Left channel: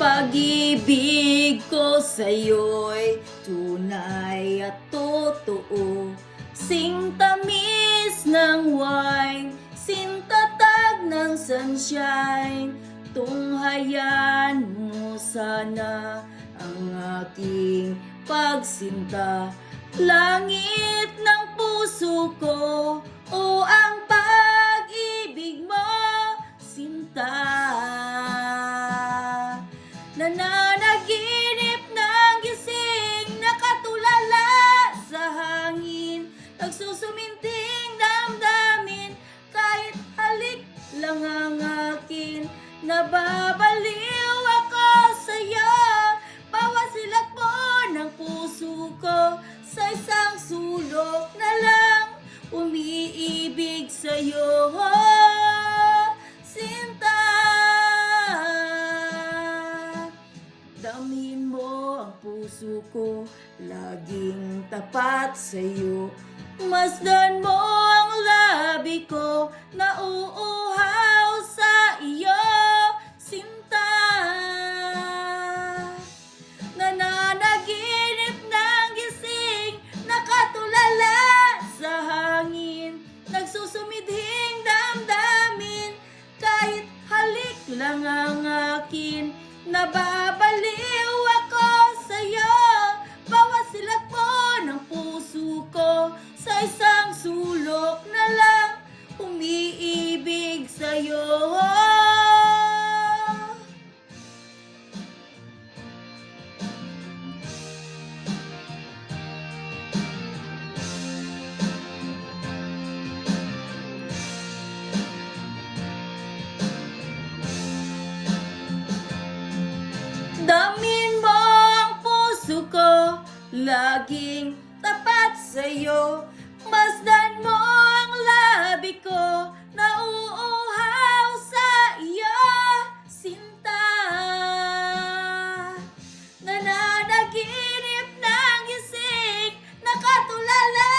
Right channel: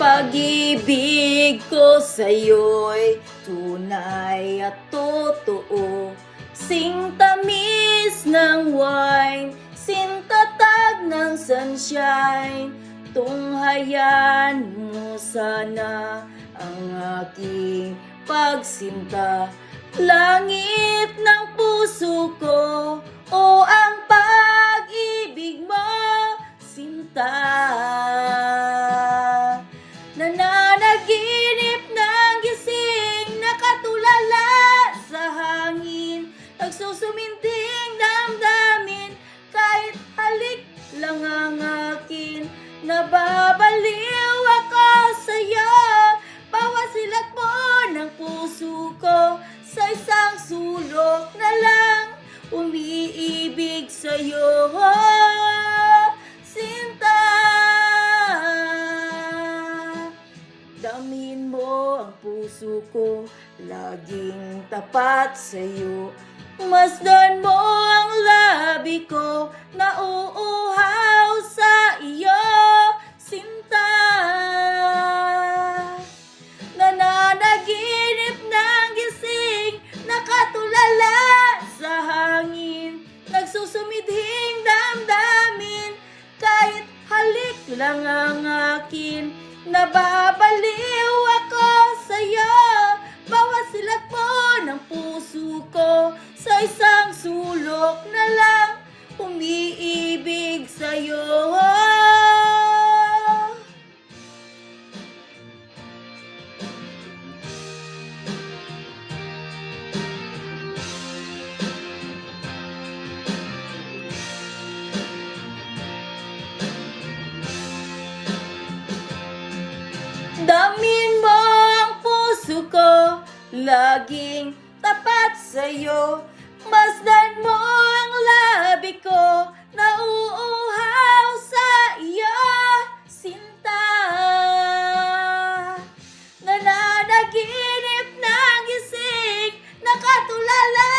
Pag-ibig ko sa'yo'y tunay at totoo. Singtamis ng wine, sintatag ng sunshine. Tunghayan mo sana ang aking pagsinta. Langit ng puso ko, o ang pag-ibig mo, sinta. Nananaginip ng gising, nakatulala sa hangin. Nagsusuminding damdamin, kahit halik lang ang akin. Nababaliw ako sa'yo, bawat silat mo ng puso ko. Sa isang sulok na lang, umiibig sa'yo, sinta. Damin mo ang puso ko, laging tapat sa'yo. Masdan mo ang labi ko, nauuhaw sa iyo, sinta. Nananaginip ng gising, nakatulala sa hangin. Nagsusumidhing damdamin, kahit halik lang ang akin. Nababaliw ako sa'yo, bawat silat mo ng puso ko. Sa isang sulok na lang, umiibig sa'yo. Damin mo ang puso ko, laging tapat sa'yo. Masdan mo ang labi ko, nauuhaw sa iyo, sinta. Nananaginip ng gising, nakatulala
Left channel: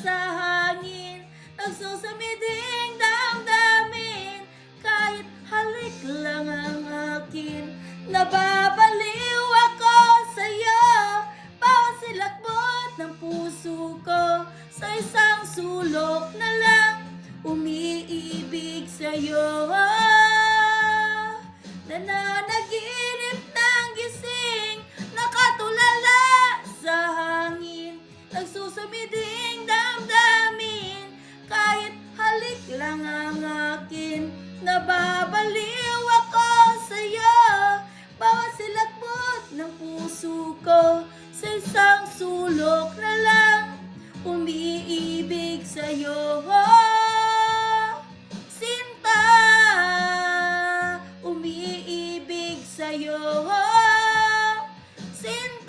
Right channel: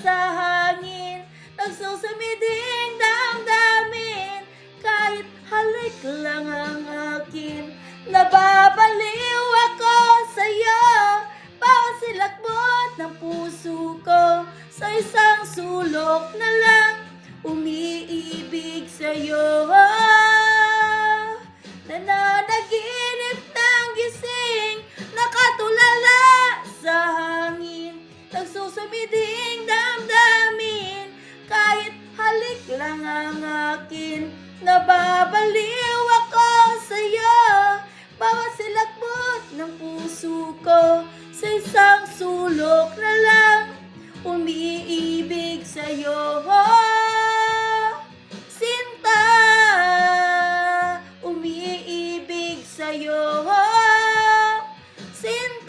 sa hangin. Nagsusumiding damdamin, kahit halik lang ang akin. Nababaliw ako sa'yo, bawat silakbot ng puso ko. Sa isang sulok na lang, umiibig sa'yo. Nananaginip ng gising, nakatulala sa hangin. Nagsusumiding damdamin, kahit halik lang ang akin. Nababaliw ako sa'yo, bawat silakbot ng puso ko. Sa isang sulok na lang, umiibig sa'yo, sinta. Umiibig sa'yo, sinta.